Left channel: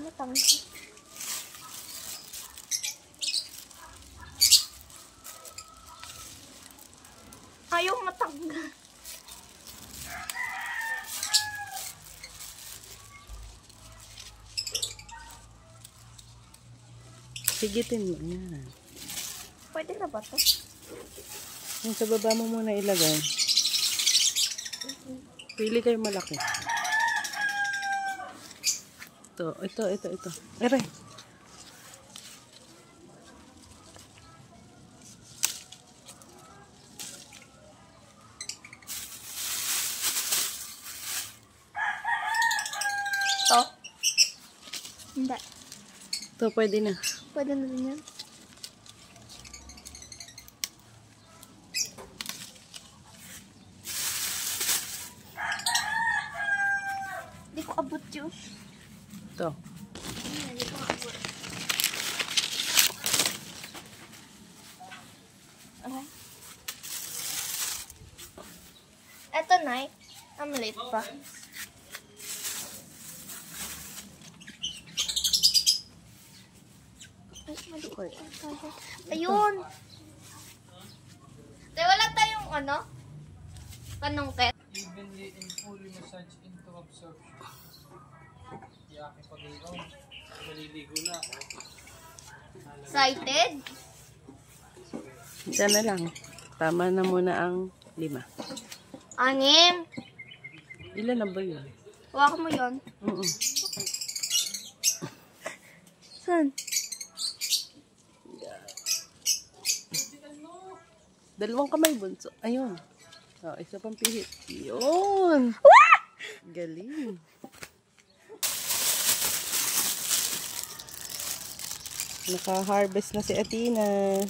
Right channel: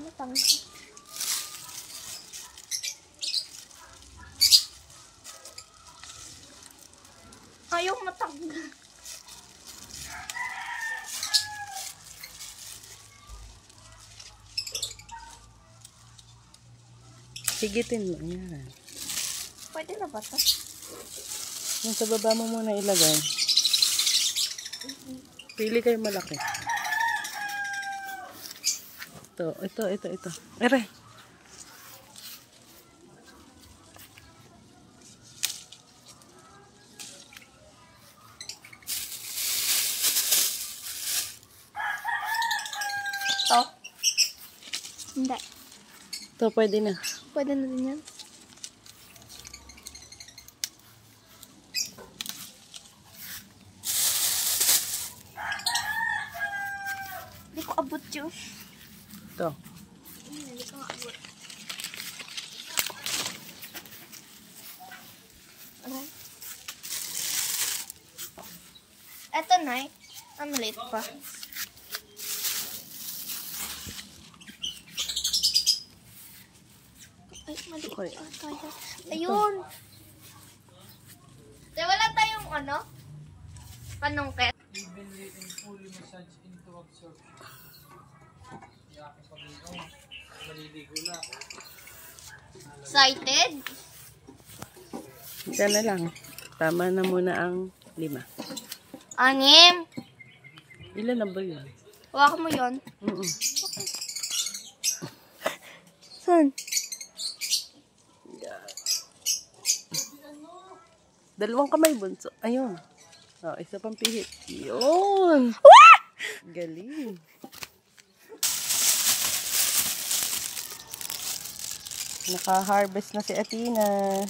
matanggal. Ayaw matanggal. Higitin mo yan. Pwede na ba to? Yung sa baba mo muna ilagay. Pili kayo malaki. Ito. Ere. To? Hindi. Ito, pwede na. Pwede na din yan. Hindi ko abot yun. Ito. Hindi ko abot. Aray. Eto na eh. Maliit pa. Ay, maliit pa tayo. Ayun! Tayo, wala tayong ano? Panungkit. Evenly and fully massage into absorption. Yung aking pag-ilaw. Maliligo na ako. Excited? Diyan na lang. Tama na muna ang 5. 6. Ilan na ba yun? Huwag mo yun. Saan? Dalawang kamay, bunso. Ayun. Oh, isa pang pihit. Yun. Galing. Naka-harvest na si Athena.